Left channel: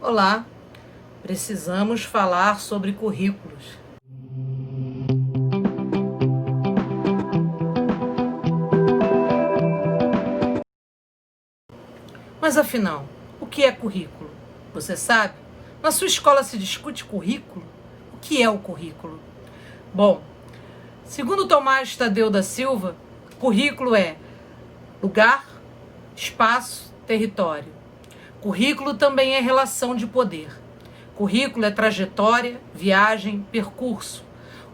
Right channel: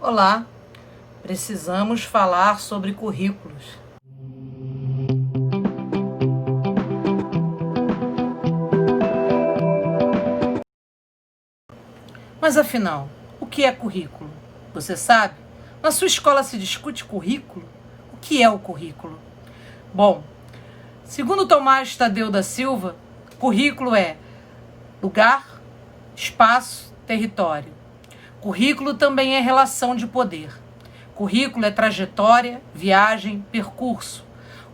Olá, precisamos falar sobre currículos. Mas afinal, o que é currículo? Você sabe? Na sua escola se discute currículo? O que é o currículo? Bom, segundo Tomás Tadeu da Silva, currículo é lugar, espaço, território. Currículo também é relação de poder. Currículo é trajetória, viagem, percurso.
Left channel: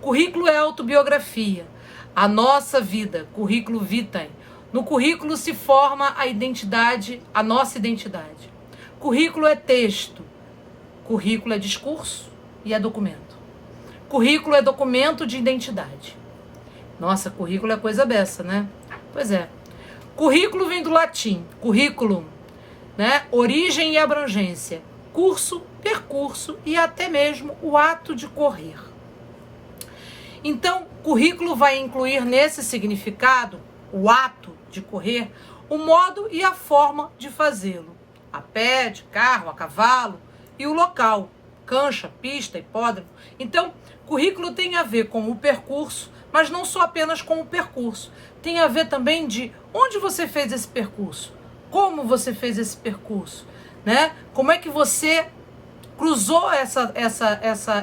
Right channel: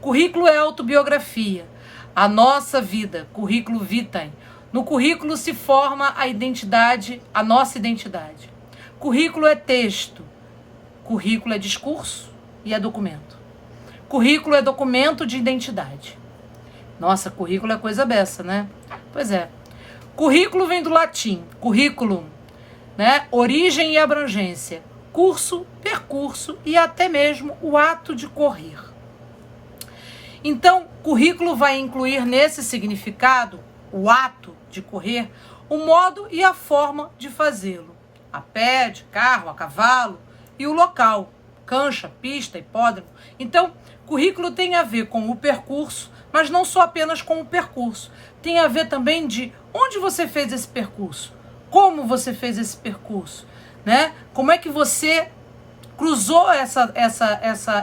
Currículo é autobiografia. A nossa vida, currículo vitae. No currículo se forma a identidade, a nossa identidade. Currículo é texto. Currículo é discurso e é documento. Currículo é documento de identidade. Nossa, currículo é coisa beça, né? Pois é. Currículo vem do latim, curriculum, né? Origem e abrangência. Curso, percurso e até mesmo o ato de correr. Então, currículo vai incluir nesse significado, o ato de correr, o modo e a forma de fazê-lo. A pé, de carro, a cavalo e o local, cancha, pista, hipódromo. Então, currículo tem a ver com o percurso, mas não só apenas com o percurso. Tem a ver também de onde você fez esse percurso, como você fez esse percurso, né? Como é que você cruzou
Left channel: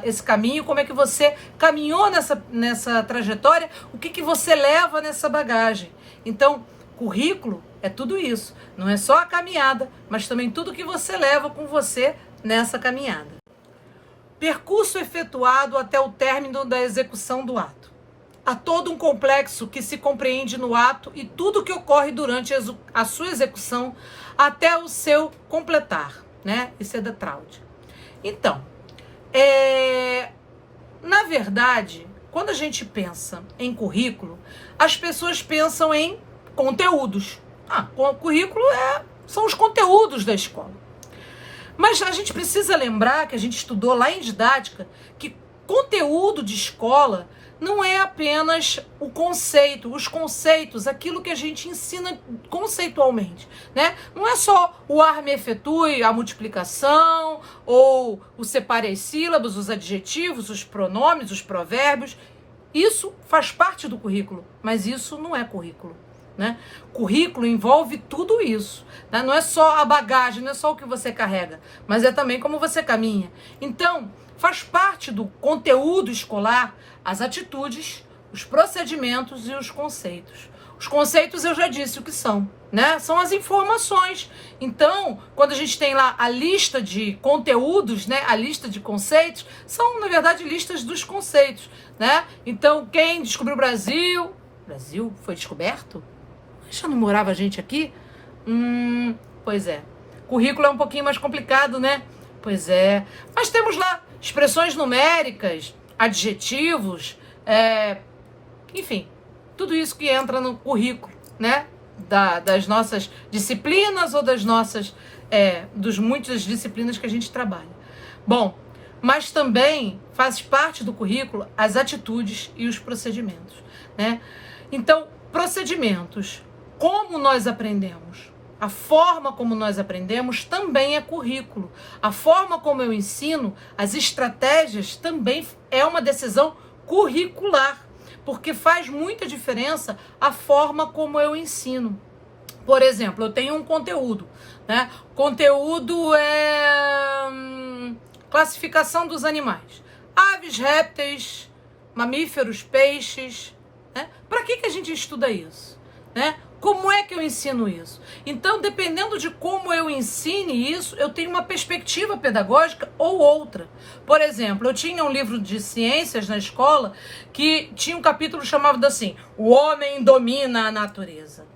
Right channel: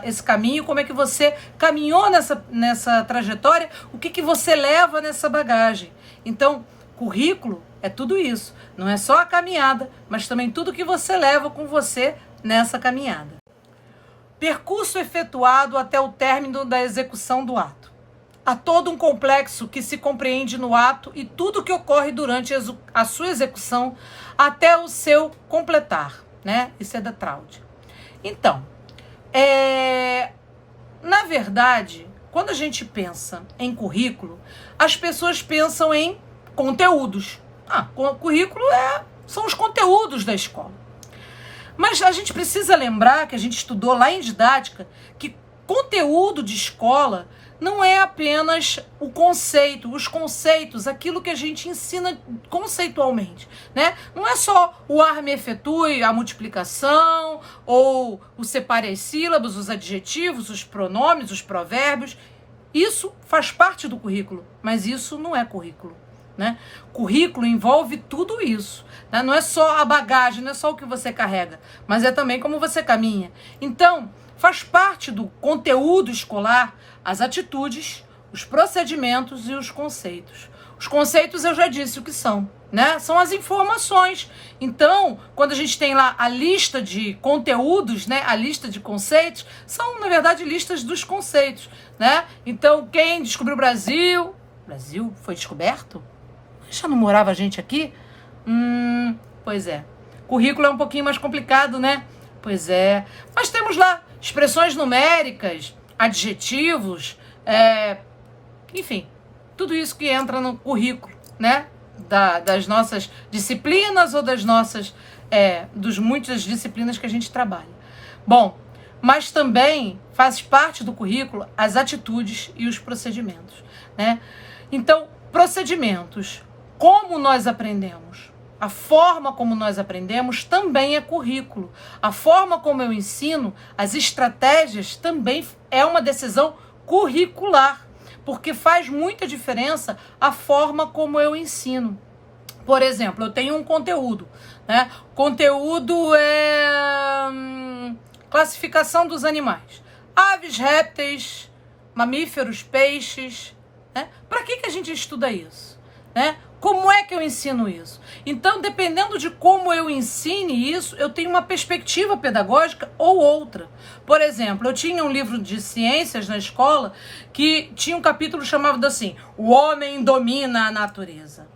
esse caminho, como é que você caminhou nessa trajetória, o que você leva nessa bagagem. Então, currículo é tudo isso. Não é só a caminhada, mas também tudo que você leva com você nessa caminhada. Percurso efetuado até o término da execução do ato. Há todo um complexo que se compreende no ato e tudo que ocorre durante a sua execução até o seu completar, né? Isso é da Traud. Então, na verdade, quando a gente pensa em currículo, as pessoas pensam em conteúdos. Currículo são os conteúdos da escola. Mas a gente precisa lembrar que a gente estudou lá em didática que conteúdo de escola não é apenas o conceito, os conceitos, aquilo que a gente ensina conceitualmente, né? Não é só o arme efetue, a multiplicação, ou o separe as sílabas, os adjetivos, os pronomes, os provérbios. Isso faz parte do currículo, mas isso não é currículo, né? Currículo envolve tudo isso, né? Não é só a bagagem, não é só o que você carrega, mas é também como você caminha. Então, faz parte do conteúdo escolar as atitudes, os procedimentos e os conceitos. Os conceitos eu já disse o que são, né? São as informações. Então, quando a gente tem lá a lista de conteúdos, né? A lista de conceitos, são, na verdade, listas dos conceitos, né? Então, quem descobriu o Brasil? O Brasil foi descoberto? Já não morava gente aqui? Pois é. Currículo é um pouquinho mais complicado, né? Pois é. Mas temos lá expressões numéricas, adjetivos, enfim, tudo isso que entra no currículo, né? Das nossas disciplinas ou dos muitas disciplinas que a gente trabalha. Bom, mas também faz parte do currículo as atitudes e os procedimentos, né? Então, procedimentos, como nós aprendemos, a forma como nós aprendemos também é currículo. A forma como eu ensino, as estratégias também é uma decisão curricular, porque faz muita diferença a forma como eu ensino. Por exemplo, eu tenho um conteúdo, né? Conteúdo é classificação dos animais. Aves, répteis, mamíferos, peixes, né? Para que a gente estuda isso, né? Como é que eu ensino isso? Então, dependendo de como eu ensine isso, eu tenho uma perspectiva pedagógica ou outra. Por exemplo, eu tinha um livro de ciências na escola que tinha um capítulo chamado assim, O Homem Domina a Natureza.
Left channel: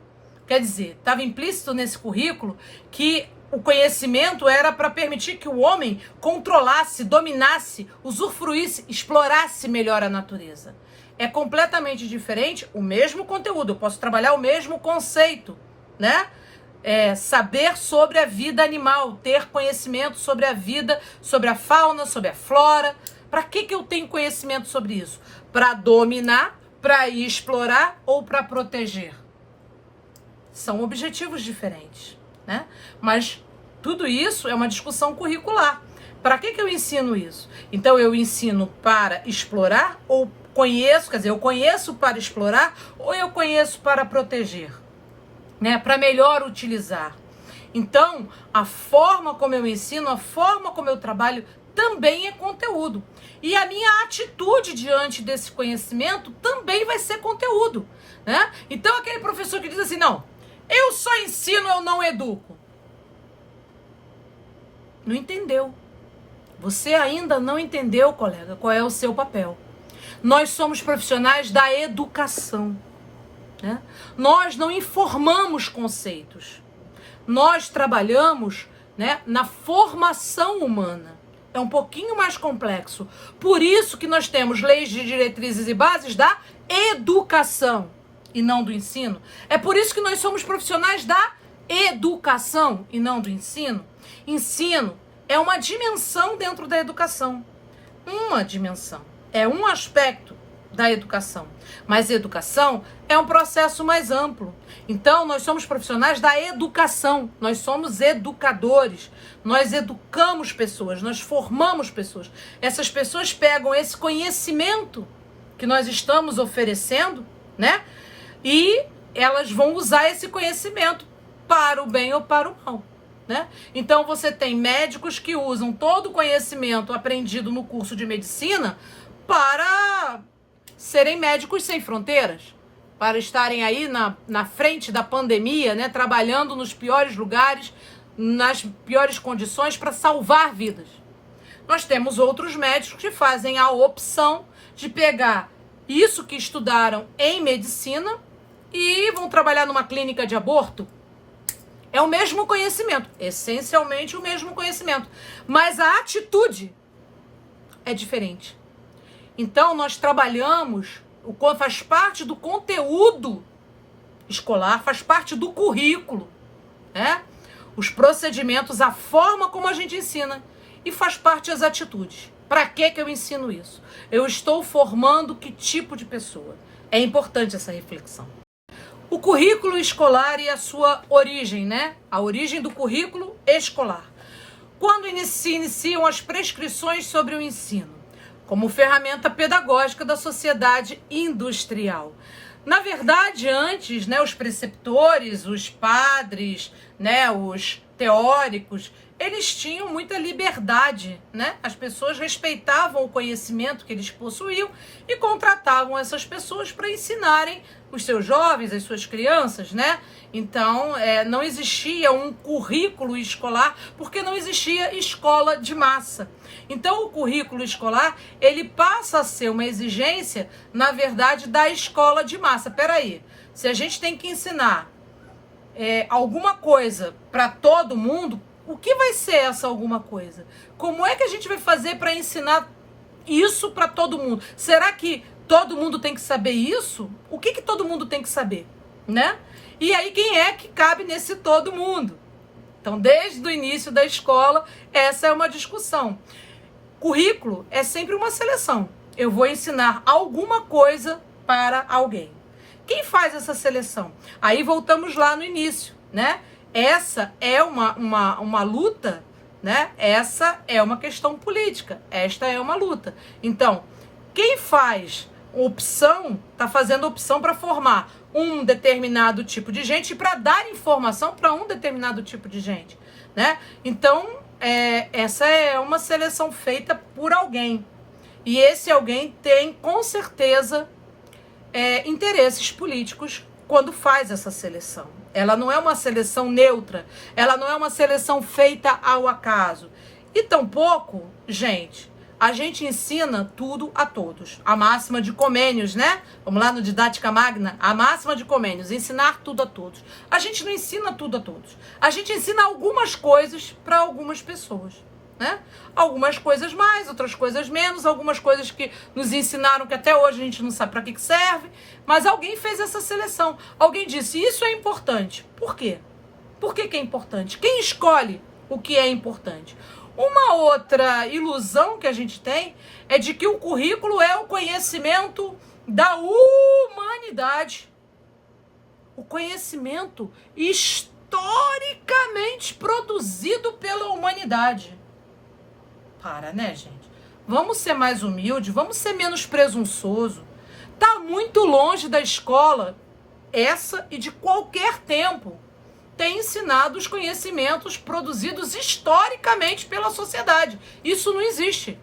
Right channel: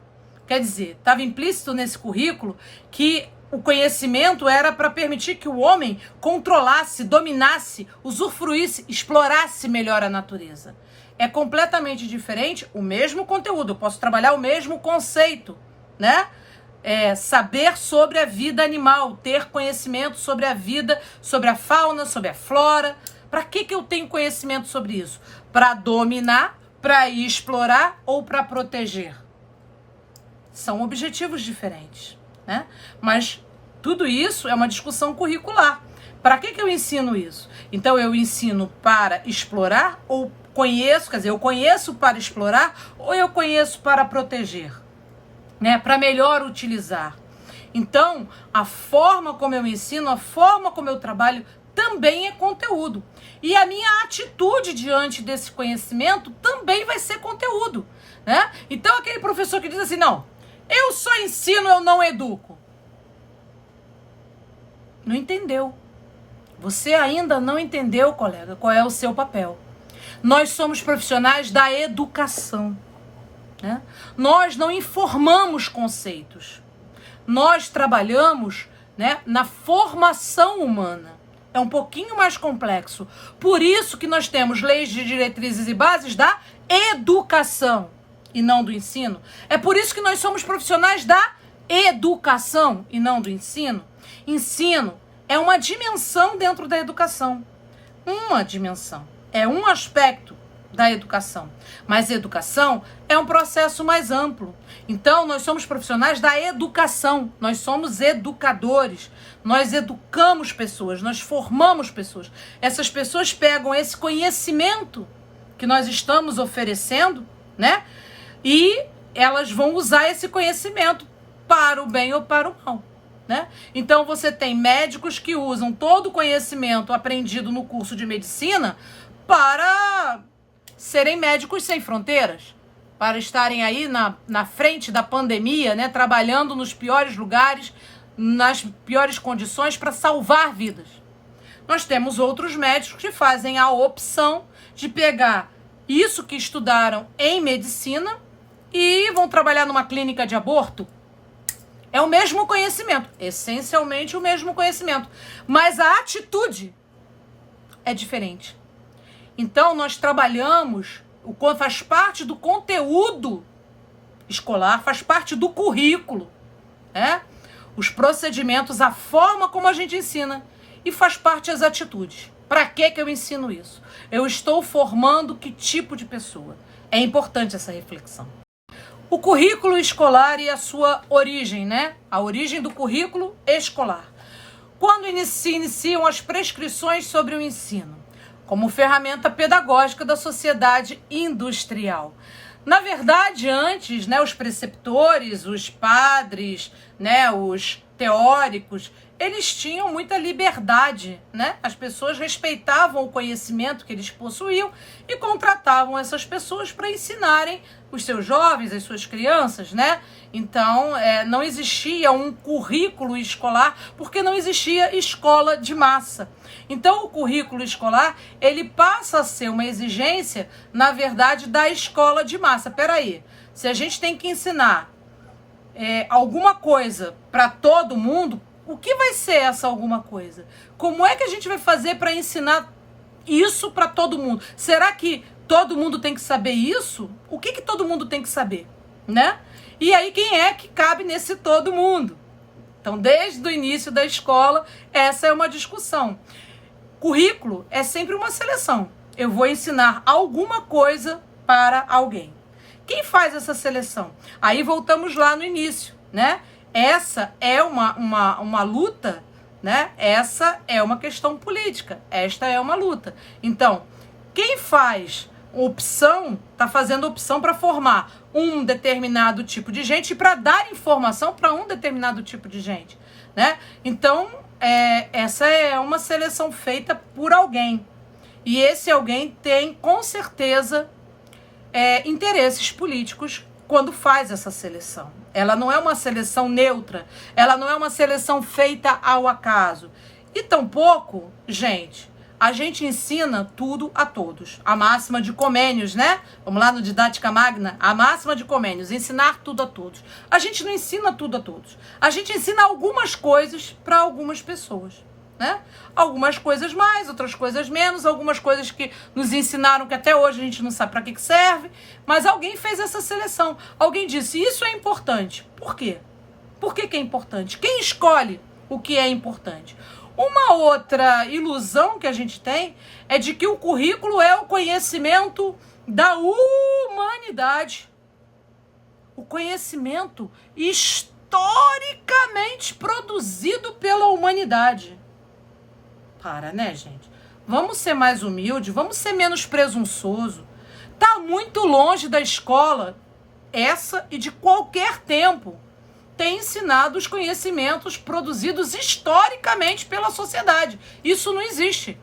Quer dizer, estava implícito nesse currículo que o conhecimento era para permitir que o homem controlasse, dominasse, usufruísse, explorasse melhor a natureza. É completamente diferente o mesmo conteúdo. Eu posso trabalhar o mesmo conceito, né? Saber sobre a vida animal, ter conhecimento sobre a vida, sobre a fauna, sobre a flora. Para que eu tenho conhecimento sobre isso? Para dominar, para explorar ou para proteger? São objetivos diferentes, né? Mas Tudo isso é uma discussão curricular. Para que eu ensino isso? Então, eu ensino para explorar ou conheço, quer dizer, eu conheço para explorar ou eu conheço para proteger, né? Para melhor utilizar. Então, a forma como eu ensino, a forma como eu trabalho também é conteúdo. E a minha atitude diante desse conhecimento também vai ser conteúdo, né? Então, aquele professor que diz assim, não, eu só ensino, eu não educo. Não entendeu. Você ainda não entendeu, colega, qual é o seu papel. Nós somos profissionais da educação, né? Nós não informamos conceitos. Nós trabalhamos, né, na formação humana. É um pouquinho mais complexo. Por isso que nós temos leis de diretrizes e bases da educação e não do ensino. É por isso que nós somos profissionais da educação e não do ensino. Ensino é uma dimensão dentro da educação. Uma dimensão. É um aspecto da educação. Mas educação é um processo mais amplo. Então, nós somos profissionais da educação. Nós somos educadores. Nós educamos pessoas. Nós formamos pessoas. Essas pessoas pegam esse conhecimento que nós estamos oferecendo, né? E elas vão usar esse conhecimento para o bem ou para o mal, né? Então, você tem médicos que usam todo o conhecimento aprendido no curso de medicina para serem médicos sem fronteiras, para estarem aí na frente da pandemia, né, trabalhando nos piores lugares, nas piores condições para salvar vidas. Nós temos outros médicos que fazem a opção de pegar isso que estudaram em medicina e vão trabalhar numa clínica de aborto. É o mesmo conhecimento, essencialmente o mesmo conhecimento, mas a atitude é diferente. Então, nós trabalhamos, faz parte do conteúdo escolar, faz parte do currículo, né? Os procedimentos, a forma como a gente ensina e faz parte das atitudes. Para que eu ensino isso? Eu estou formando que tipo de pessoa? É importante essa reflexão. O currículo escolar e a sua origem, né? A origem do currículo escolar. Quando se iniciam as prescrições sobre o ensino? Como ferramenta pedagógica da sociedade industrial. Na verdade, antes, né, os preceptores, os padres, né, os teóricos, eles tinham muita liberdade, né? As pessoas respeitavam o conhecimento que eles possuíam e contratavam essas pessoas para ensinarem os seus jovens, as suas crianças, né? Então, não existia um currículo escolar porque não existia escola de massa. Então, o currículo escolar, ele passa a ser uma exigência, na verdade, da escola de massa. Peraí, se a gente tem que ensinar alguma coisa para todo mundo, o que vai ser essa alguma coisa? Como é que a gente vai fazer para ensinar isso para todo mundo? Será que todo mundo tem que saber isso? O que todo mundo tem que saber, né? E aí, quem é que cabe nesse todo mundo? Então, desde o início da escola, essa é uma discussão. Currículo é sempre uma seleção. Eu vou ensinar alguma coisa para alguém. Quem faz essa seleção? Aí voltamos lá no início, né? Essa é uma luta, né? Essa é uma questão política. Esta é uma luta. Então, quem faz opção, está fazendo opção para formar um determinado tipo de gente e para dar informação para um determinado tipo de gente, né? Então, essa é uma seleção feita por alguém. E esse alguém tem, com certeza, interesses políticos quando faz essa seleção. Ela não é uma seleção neutra, ela não é uma seleção feita ao acaso. E tampouco, gente, a gente ensina tudo a todos. A máxima de Comênios, né? Vamos lá no Didática Magna. A máxima de Comênios, ensinar tudo a todos. A gente não ensina tudo a todos. A gente ensina algumas coisas para algumas pessoas, né? Algumas coisas mais, outras coisas menos, algumas coisas que nos ensinaram que até hoje a gente não sabe para que serve, mas alguém fez essa seleção. Alguém disse, isso é importante. Por quê? Por que é importante? Quem escolhe o que é importante? Uma outra ilusão que a gente tem é de que o currículo é o conhecimento da humanidade. O conhecimento histórico historicamente produzido pela humanidade. Para, né, gente? Vamos ser mais humildes, vamos ser menos presunçoso. Tá muito longe da escola, essa e de qualquer tempo, tem ensinado os conhecimentos produzidos historicamente pela sociedade. Isso não existe,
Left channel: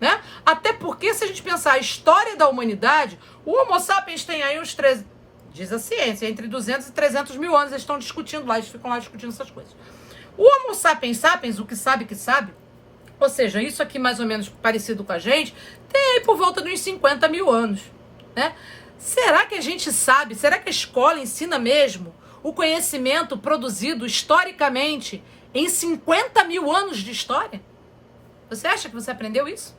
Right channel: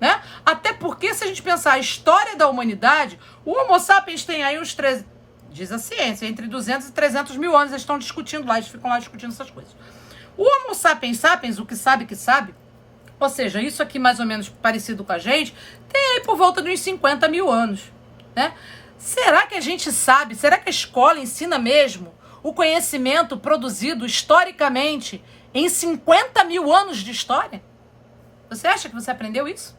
né? Até porque, se a gente pensar a história da humanidade, o Homo sapiens tem aí uns 3, diz a ciência, entre 200 e 300 mil anos, eles estão discutindo lá, eles ficam lá discutindo essas coisas. O Homo sapiens sapiens, o que sabe, ou seja, isso aqui mais ou menos parecido com a gente, tem aí por volta de uns 50 mil anos, né? Será que a gente sabe, será que a escola ensina mesmo o conhecimento produzido historicamente em 50 mil anos de história? Você acha que você aprendeu isso?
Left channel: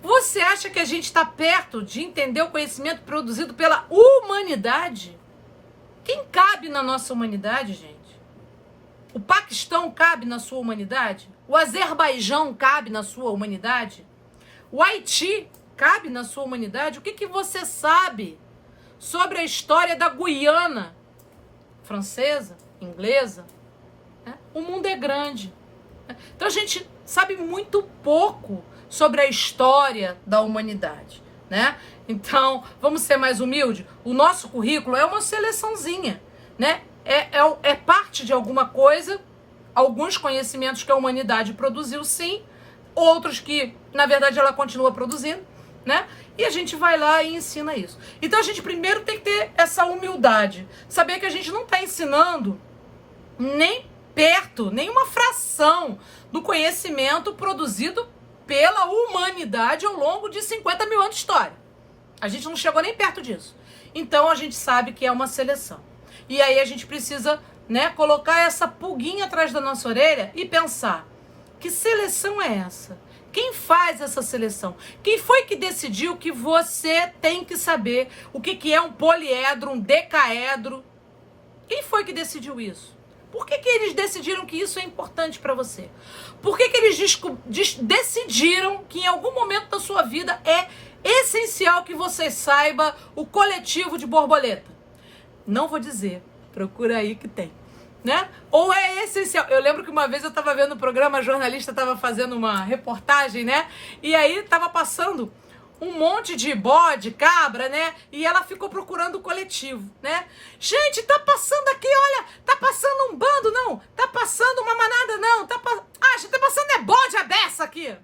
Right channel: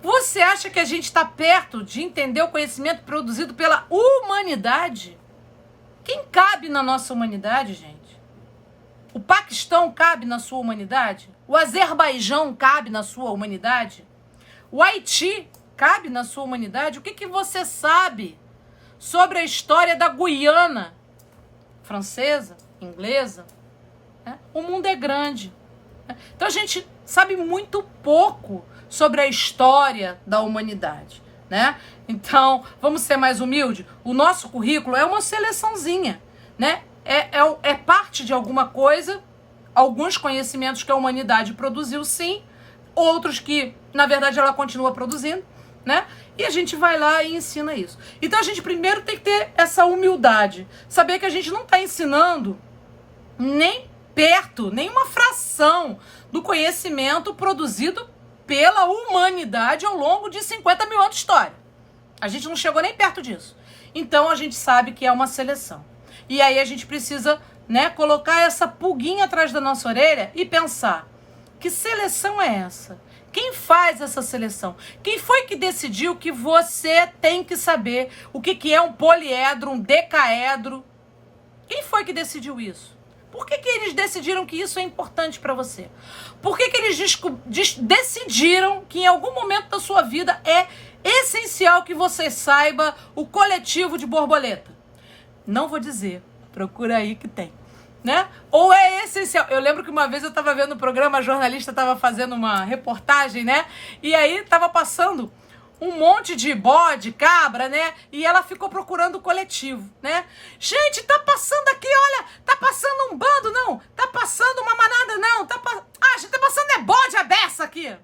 Você acha que a gente está perto de entender o conhecimento produzido pela humanidade? Quem cabe na nossa humanidade, gente? O Paquistão cabe na sua humanidade? O Azerbaijão cabe na sua humanidade? O Haiti cabe na sua humanidade? O que você sabe sobre a história da Guiana francesa, inglesa? O mundo é grande. Então a gente sabe muito pouco sobre a história da humanidade, né? Então, vamos ser mais humildes? O nosso currículo é uma seleçãozinha, né? É parte de alguma coisa, alguns conhecimentos que a humanidade produziu, sim, outros que, na verdade, ela continua produzindo, né? E a gente vai lá e ensina isso. Então, a gente primeiro tem que ter essa humildade, saber que a gente não está ensinando nem perto, nem uma fração do conhecimento produzido pela humanidade ao longo de 50 mil anos de história. A gente não chegou nem perto disso. Então, a gente sabe que é uma seleção. E aí a gente precisa, né, colocar essa pulguinha atrás da nossa orelha e pensar, que seleção é essa? Quem faz essa seleção? Quem foi que decidiu que você tem que saber o que é um poliedro, um decaedro? Quem foi que decidiu isso? Por que eles decidiram que isso é importante para você? Por que eles decidiram que em algum momento da sua vida é essencial que você saiba o coletivo de borboleta? Não vou dizer, procura aí que tem, né? Ou é essencial. Eu lembro que uma vez eu estava vendo o programa, a jornalista estava fazendo uma reportagem, né? E aí estava passando um monte de bode, cabra, né? E ela ficou procurando o coletivo, né? Gente, tá passando aqui, olha, tá passando um bando, não. Tá passando uma manada, não. A gente tá passando bode a beça aqui.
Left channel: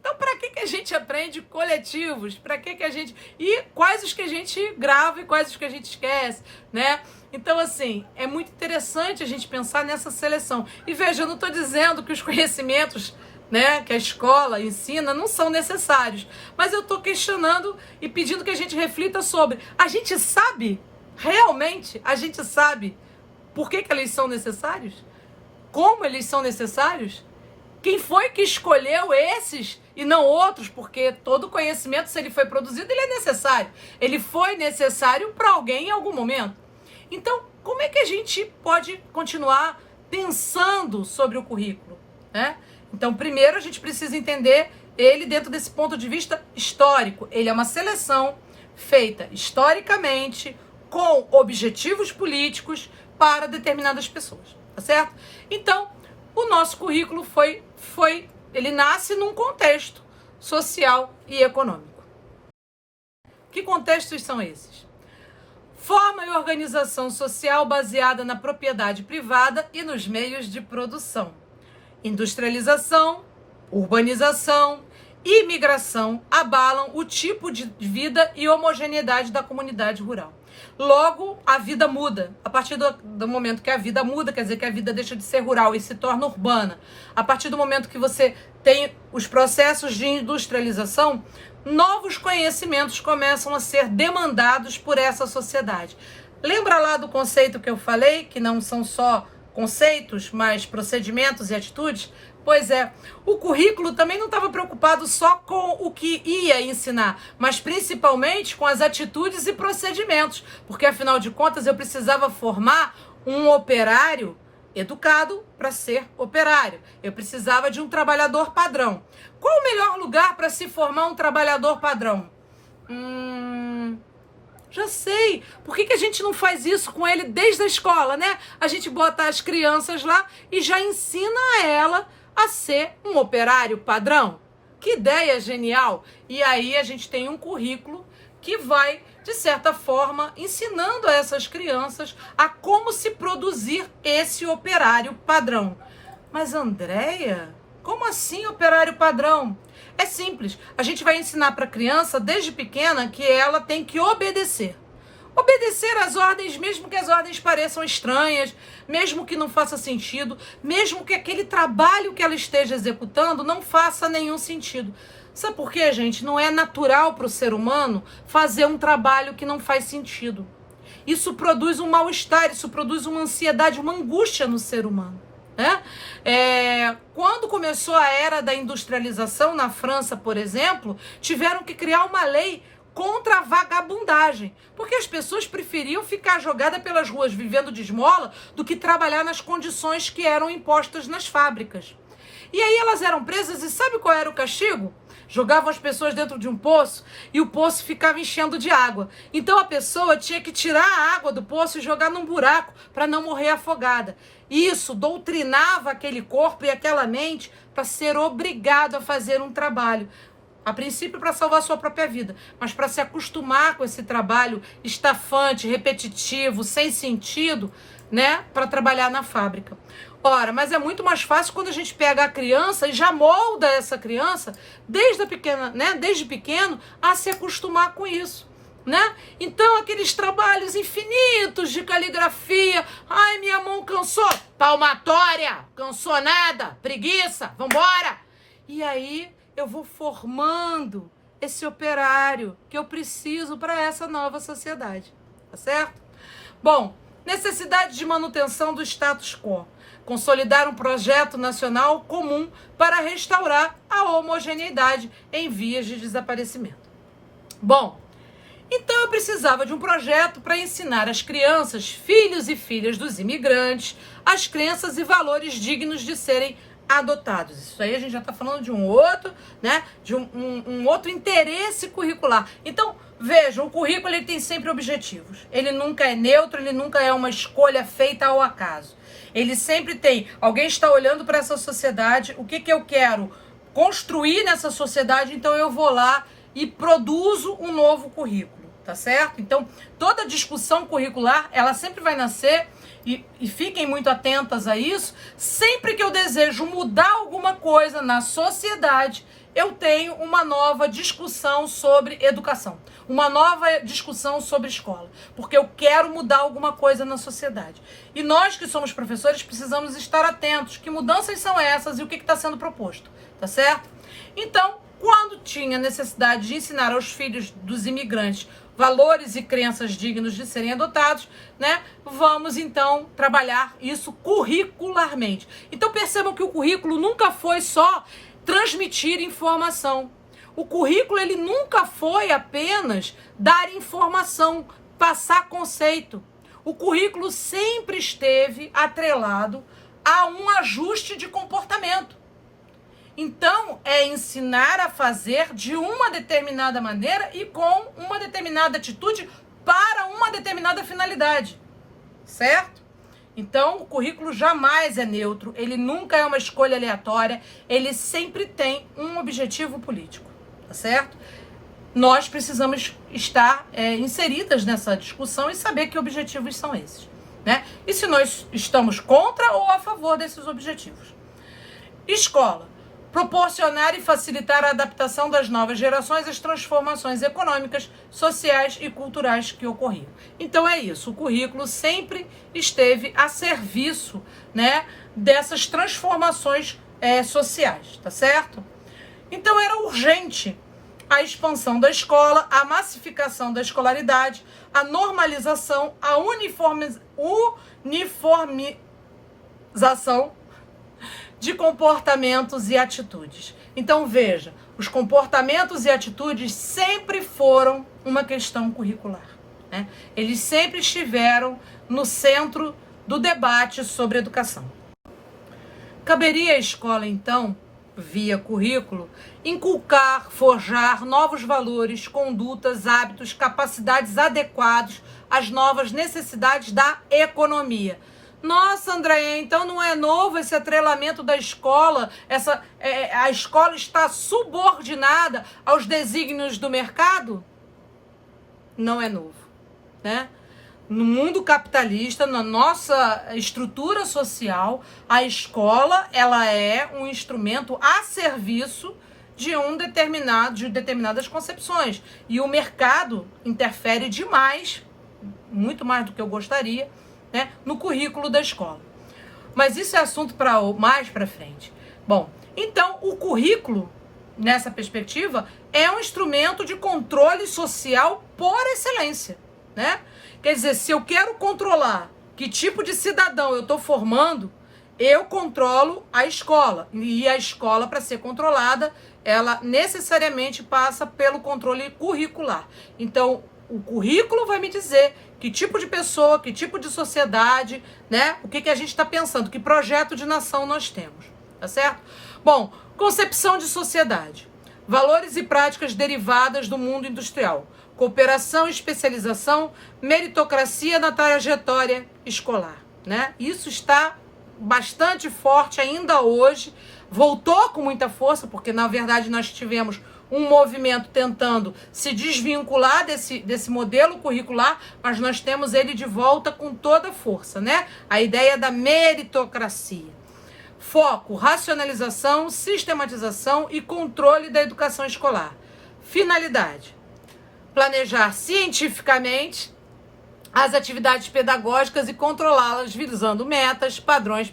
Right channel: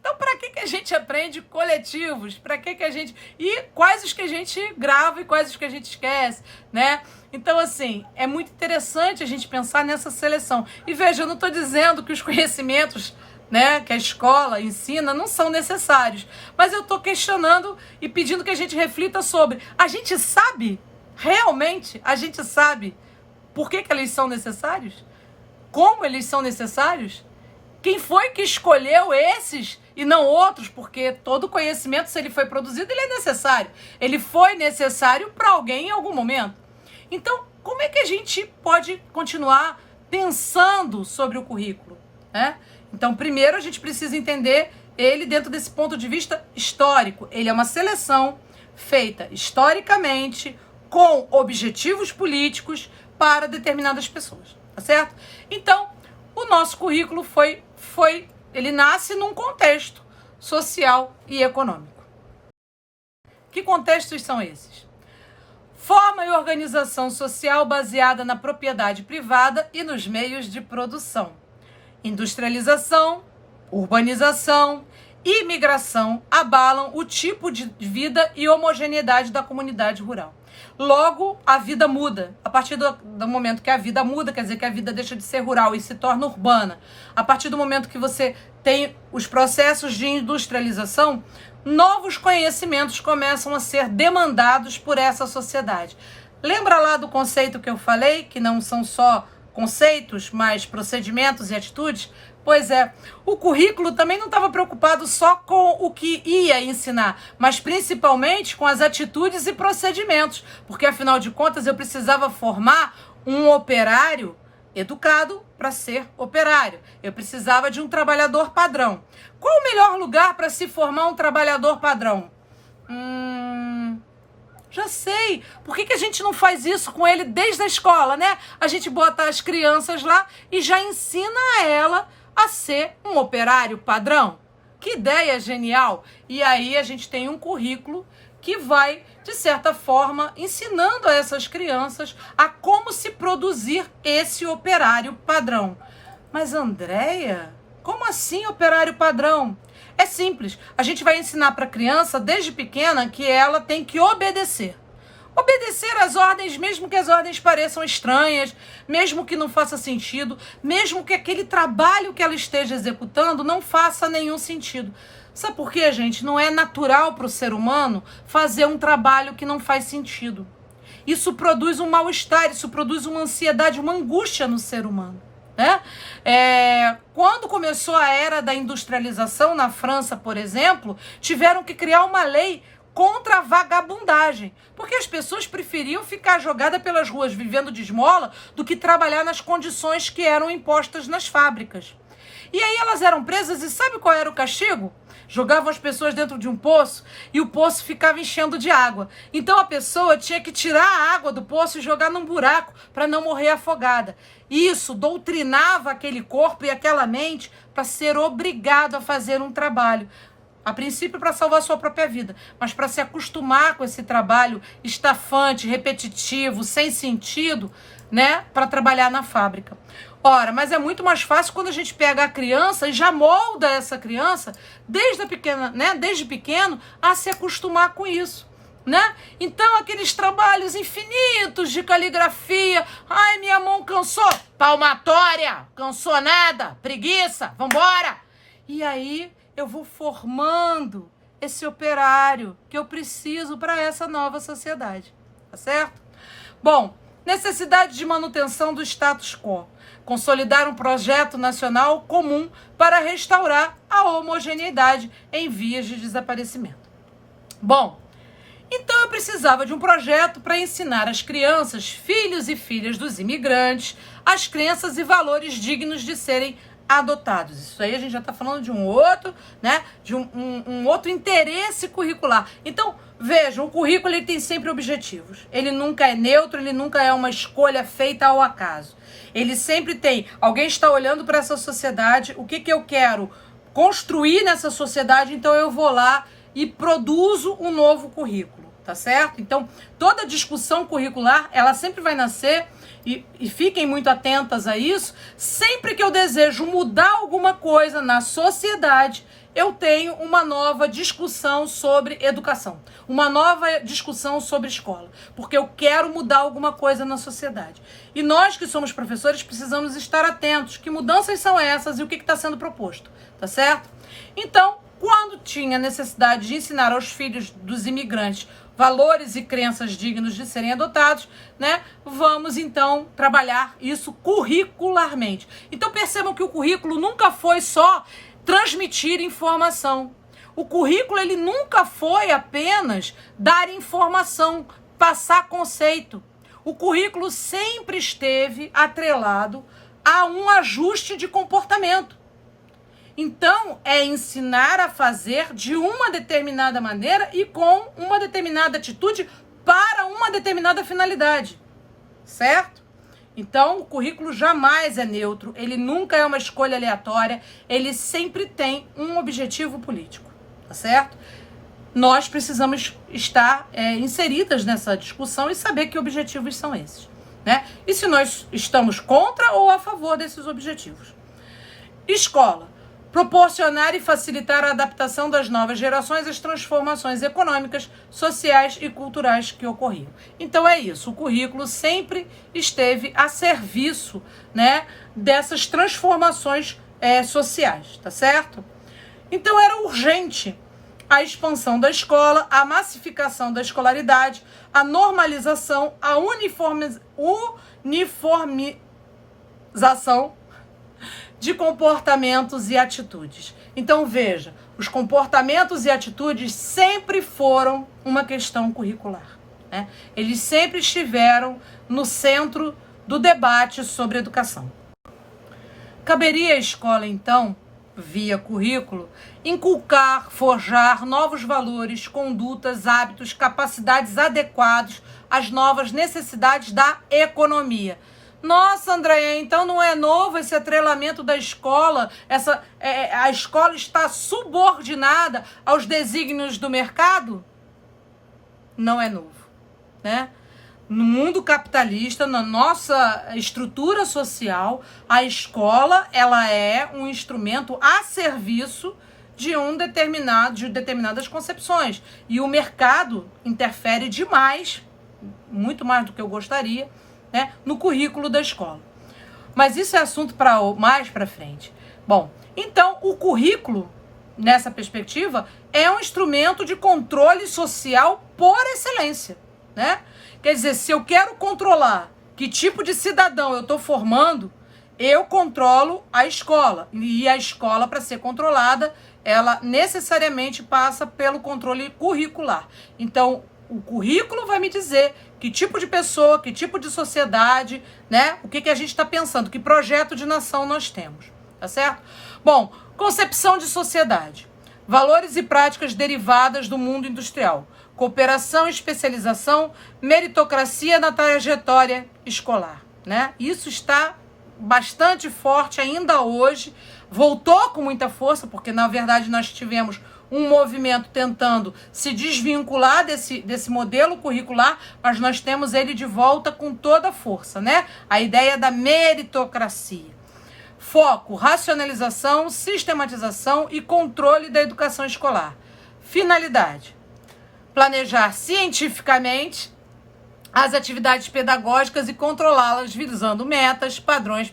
Então, para que a gente aprende coletivos? Para que a gente... E quais os que a gente grava e quais os que a gente esquece, né? Então, assim, é muito interessante a gente pensar nessa seleção. E veja, eu não estou dizendo que os conhecimentos, né, que a escola ensina não são necessários. Mas eu estou questionando e pedindo que a gente reflita sobre. A gente sabe, realmente, a gente sabe por que eles são necessários? Como eles são necessários? Quem foi que escolheu esses e não outros? Porque todo conhecimento, se ele foi produzido, ele é necessário. Ele foi necessário para alguém em algum momento. Então, como é que a gente pode continuar pensando sobre o currículo, né? Então, primeiro a gente precisa entender ele dentro desse ponto de vista histórico. Ele é uma seleção feita historicamente com objetivos políticos para determinadas pessoas, tá certo? Então, o nosso currículo ele nasce num contexto social e econômico. Que contextos são esses? Forma e organização social baseada na propriedade privada e nos meios de produção. Industrialização, urbanização e imigração abalam o tipo de vida e homogeneidade da comunidade rural. Logo, a vida muda. A partir do momento que a vida muda, quer dizer que a vida deixa de ser rural e se torna urbana. A partir do momento que você tem os processos de industrialização, novos conhecimentos começam a ser demandados por essa sociedade. Lembra lá do conceito que eu falei, que não são só conceitos, mas procedimentos e atitudes? Pois é, o currículo também não estava preocupado só com o que ia ensinar, mas principalmente com as atitudes e procedimentos, porque afinal de contas eu precisava formar um operário educado para ser operário. Eu precisava de um trabalhador padrão. Qual o melhor lugar para se formar um trabalhador padrão? Já sei. Por que a gente não faz isso com ele desde a escola, né? A gente bota as crianças lá e já ensina ela a ser um operário padrão. Que ideia genial! E aí a gente tem um currículo que vai, de certa forma, ensinando a essas crianças a como se produzir esse operário padrão. Mas, Andréia, como assim operário padrão? É simples, a gente vai ensinar para a criança, desde pequena, que ela tem que obedecer. Obedecer às ordens, mesmo que as ordens pareçam estranhas, mesmo que não faça sentido, mesmo que aquele trabalho que ela esteja executando não faça nenhum sentido. Sabe por quê, gente? Não é natural para o ser humano fazer um trabalho que não faz sentido. Isso produz um mal-estar, isso produz uma ansiedade, uma angústia no ser humano. Né? Quando começou a era da industrialização na França, por exemplo, tiveram que criar uma lei contra a vagabundagem, porque as pessoas preferiam ficar jogadas pelas ruas vivendo de esmola do que trabalhar nas condições que eram impostas nas fábricas. E aí elas eram presas e sabe qual era o castigo? Jogavam as pessoas dentro de um poço e o poço ficava enchendo de água. Então a pessoa tinha que tirar a água do poço e jogar num buraco para não morrer afogada. Isso doutrinava aquele corpo e aquela mente para ser obrigado a fazer um trabalho. A princípio para salvar sua própria vida, mas para se acostumar com esse trabalho estafante, repetitivo, sem sentido, né, para trabalhar na fábrica. Ora, mas é muito mais fácil quando a gente pega a criança e já molda essa criança desde pequeno a se acostumar com isso, né? Então aqueles trabalhos infinitos de caligrafia, ai, minha mão cansou, palmatória, cansou nada, preguiça, vambora. E aí eu vou formando esse operário que eu preciso para essa nova sociedade, tá certo? Bom, necessidade de manutenção do status quo. Consolidar um projeto nacional comum para restaurar a homogeneidade em vias de desaparecimento. Bom, então eu precisava de um projeto para ensinar às crianças, filhos e filhas dos imigrantes, as crenças e valores dignos de serem adotados. Isso aí a gente já está falando de um outro, né? De um outro interesse curricular. Então, vejam, o currículo ele tem sempre objetivos. Ele nunca é neutro, ele nunca é uma escolha feita ao acaso. Ele sempre tem, alguém está olhando para essa sociedade, o que eu quero construir nessa sociedade, então eu vou lá e produzo um novo currículo, tá certo? Então, toda discussão curricular, ela sempre vai nascer, e fiquem muito atentas a isso, sempre que eu desejo mudar alguma coisa na sociedade, eu tenho uma nova discussão sobre educação, uma nova discussão sobre escola, porque eu quero mudar alguma coisa na sociedade. E nós que somos professores precisamos estar atentos, que mudanças são essas e o que está sendo proposto, tá certo? Então, quando tinha necessidade de ensinar aos filhos dos imigrantes valores e crenças dignos de serem adotados, né? Vamos então trabalhar isso curricularmente. Então percebam que o currículo nunca foi só transmitir informação. O currículo ele nunca foi apenas dar informação, passar conceito. O currículo sempre esteve atrelado a um ajuste de comportamento. Então, é ensinar a fazer de uma determinada maneira e com uma determinada atitude para uma determinada finalidade, certo? Então, o currículo jamais é neutro, ele nunca é uma escolha aleatória, ele sempre tem um objetivo político, tá certo? Nós precisamos estar inseridas nessa discussão e saber que objetivos são esses, né? E se nós estamos contra ou a favor desses objetivos. Escola. Proporcionar e facilitar a adaptação das novas gerações às transformações econômicas, sociais e culturais que ocorriam. Então é isso, o currículo sempre esteve a serviço, né, dessas transformações sociais, tá certo? Então era urgente a expansão da escola, a massificação da escolaridade, a normalização, a uniformização de comportamentos e atitudes. Então, veja, os comportamentos e atitudes sempre foram uma questão curricular, né? Eles sempre estiveram no centro do debate sobre educação. Caberia à escola, então, via currículo, inculcar, forjar novos valores, condutas, hábitos, capacidades adequados às novas necessidades da economia. Nossa, Andréia, então não é novo esse atrelamento da escola? A escola está subordinada aos desígnios do mercado? Não é novo, né? No mundo capitalista, na nossa estrutura social, a escola ela é um instrumento a serviço de determinadas concepções. E o mercado interfere demais, muito mais do que eu gostaria, né, no currículo da escola. Mas isso é assunto para mais para frente. Bom, então o currículo, nessa perspectiva, é um instrumento de controle social por excelência, né? Quer dizer, se eu quero controlar que tipo de cidadão eu estou formando, eu controlo a escola. E a escola, para ser controlada, ela necessariamente passa pelo controle curricular. Então, o currículo vai me dizer que tipo de pessoa, que tipo de sociedade, né? O que a gente está pensando, que projeto de nação nós temos, tá certo? Bom, concepção de sociedade. Valores e práticas derivadas do mundo industrial. Cooperação e especialização, meritocracia na trajetória escolar, né? Isso está bastante forte ainda hoje, voltou com muita força, porque na verdade nós tivemos um movimento tentando se desvincular desse modelo curricular, mas nós temos ele de volta com toda a força, né? A ideia da meritocracia. Foco, racionalização, sistematização e controle da educação escolar. Finalidade: planejar cientificamente as atividades pedagógicas e controlá-las visando metas, padrões,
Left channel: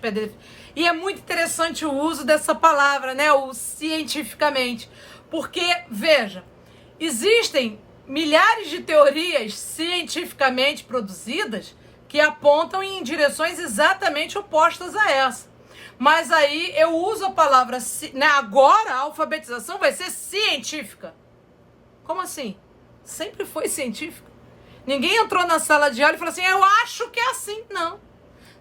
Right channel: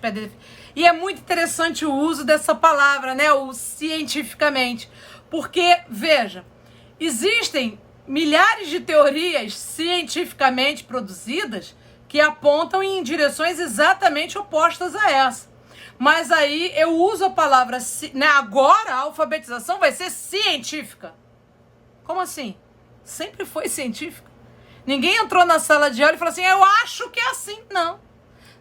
e é muito interessante o uso dessa palavra, né, o cientificamente, porque, veja, existem milhares de teorias cientificamente produzidas que apontam em direções exatamente opostas a essa. Mas aí eu uso a palavra, né, agora a alfabetização vai ser científica. Como assim? Sempre foi científica. Ninguém entrou na sala de aula e falou assim, eu acho que é assim. Não.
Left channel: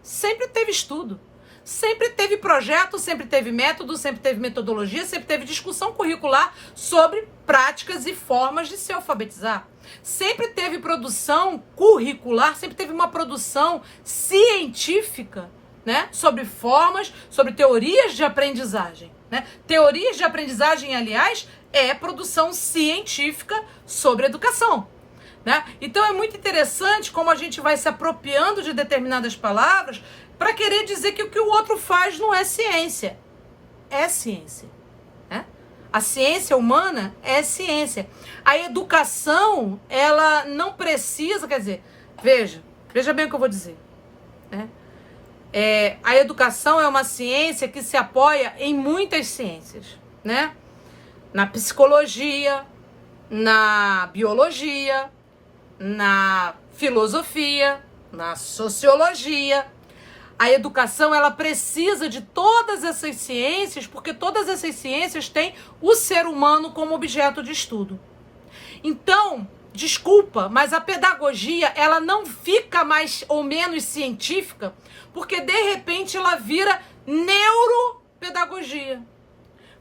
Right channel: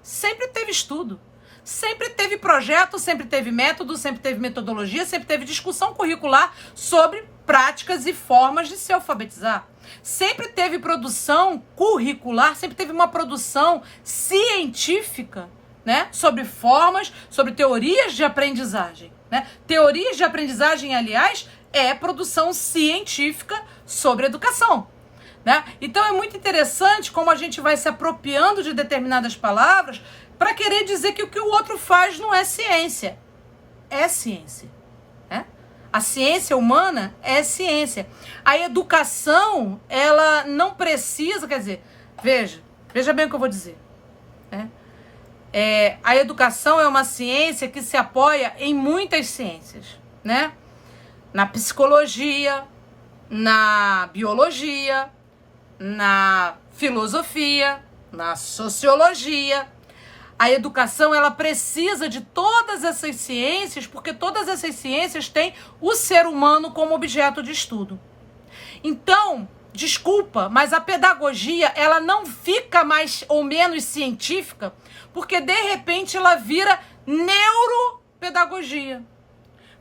Sempre teve estudo. Sempre teve projeto, sempre teve método, sempre teve metodologia, sempre teve discussão curricular sobre práticas e formas de se alfabetizar. Sempre teve produção curricular, sempre teve uma produção científica, né, sobre formas, sobre teorias de aprendizagem, né? Teorias de aprendizagem, aliás, é produção científica sobre educação, né? Então é muito interessante como a gente vai se apropriando de determinadas palavras para querer dizer que o que o outro faz não é ciência. É ciência, né? A ciência humana é ciência. A educação, ela não precisa, quer dizer, veja bem o que eu vou dizer, né? A educação é uma ciência que se apoia em muitas ciências, né? Na psicologia, na biologia, na filosofia, na sociologia. A educação, ela precisa de todas essas ciências, porque todas essas ciências têm o ser humano como objeto de estudo. Então, desculpa, mas a pedagogia, ela não fica mais ou menos científica, porque de repente ela vira neuropedagogia.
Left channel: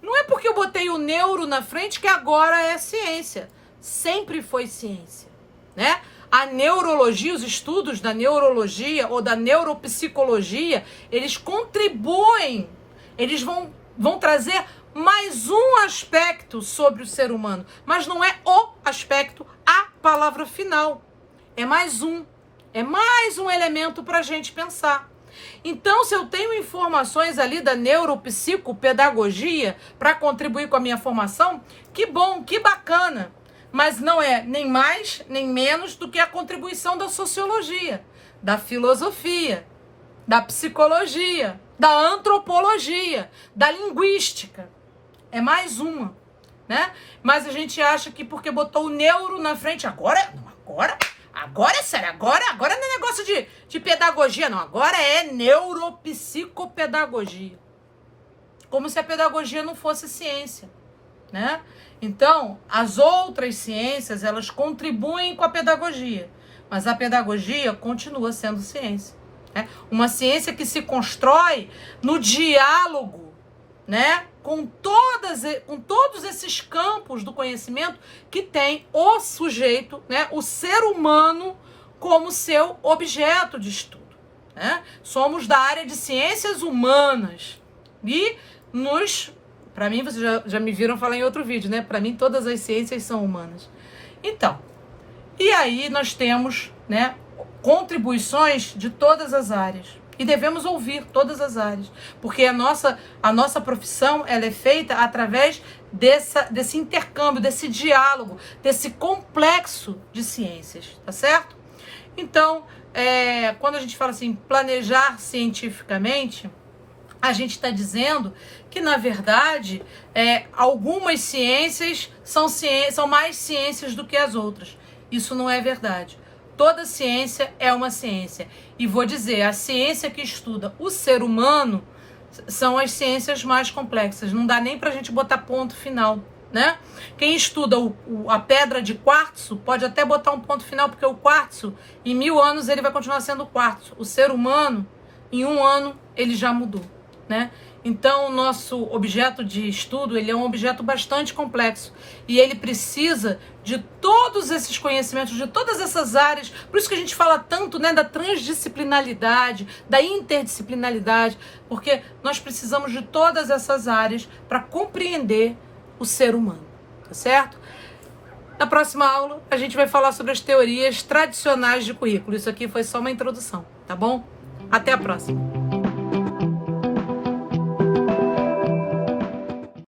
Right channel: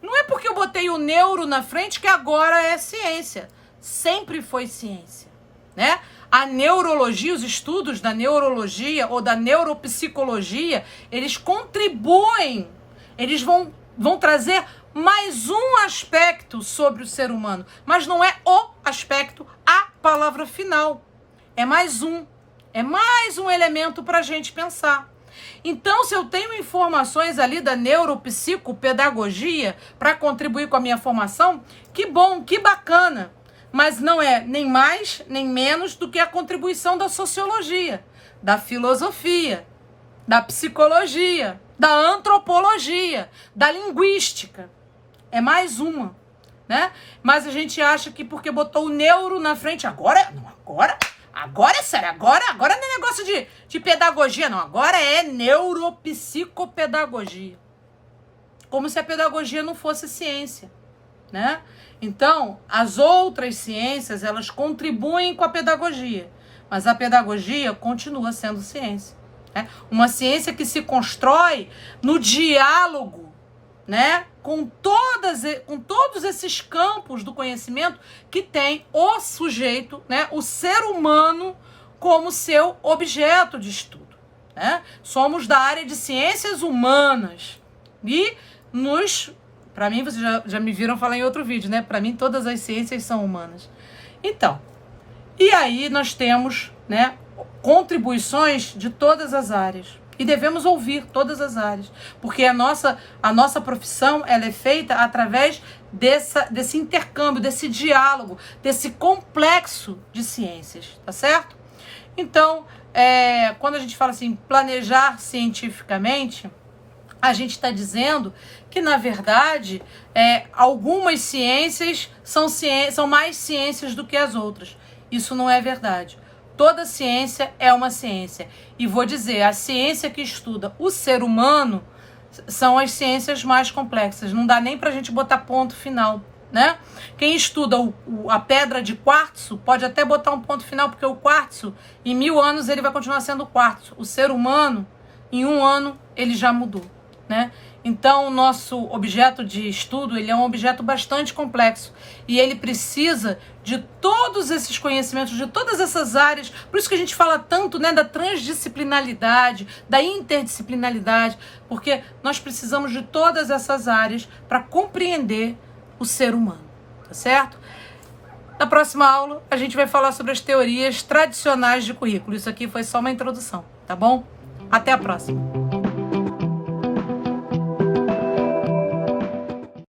Não é porque eu botei o neuro na frente que agora é ciência. Sempre foi ciência, né? A neurologia, os estudos da neurologia ou da neuropsicologia, eles contribuem, eles vão trazer mais um aspecto sobre o ser humano, mas não é o aspecto, a palavra final. É mais um elemento para a gente pensar. Então, se eu tenho informações ali da neuropsicopedagogia para contribuir com a minha formação, que bom, que bacana. Mas não é nem mais, nem menos do que a contribuição da sociologia, da filosofia, da psicologia, da antropologia, da linguística. É mais uma, né? Mas a gente acha que porque botou o neuro na frente, agora é sério, agora não é negócio de pedagogia, não. Agora é neuropsicopedagogia. Como se a pedagogia não fosse ciência, né? Então, as outras ciências, elas contribuem com a pedagogia, mas a pedagogia continua sendo ciência, né? Uma ciência que se constrói no diálogo, né, com todos esses campos do conhecimento que tem o sujeito, né, o ser humano, como seu objeto de estudo, né? Somos da área de ciências humanas e para mim, vocês já me viram falar em outro vídeo, né? Para mim, todas as ciências são humanas. Então, e aí nós temos, né, contribuições de todas as áreas. E devemos ouvir todas as áreas. Porque a nossa profissão, ela é feita através desse intercâmbio, desse diálogo, desse complexo de ciências, tá certo? Então, quando a gente fala assim, planejar cientificamente, a gente está dizendo que, na verdade, algumas ciências são mais ciências do que as outras. Isso não é verdade. Toda ciência é uma ciência. E vou dizer, a ciência que estuda o ser humano são as ciências mais complexas. Não dá nem para a gente botar ponto final, né? Quem estuda a pedra de quartzo pode até botar um ponto final, porque o quartzo, em 1000 anos, ele vai continuar sendo quartzo. O ser humano, em 1 ano, ele já mudou, né? Então, o nosso objeto de estudo, ele é um objeto bastante complexo e ele precisa de todos esses conhecimentos, de todas essas áreas. Por isso que a gente fala tanto, né, da transdisciplinaridade, da interdisciplinaridade, porque nós precisamos de todas essas áreas para compreender o ser humano, tá certo? Na próxima aula, a gente vai falar sobre as teorias tradicionais de currículo. Isso aqui foi só uma introdução, tá bom? Até a próxima!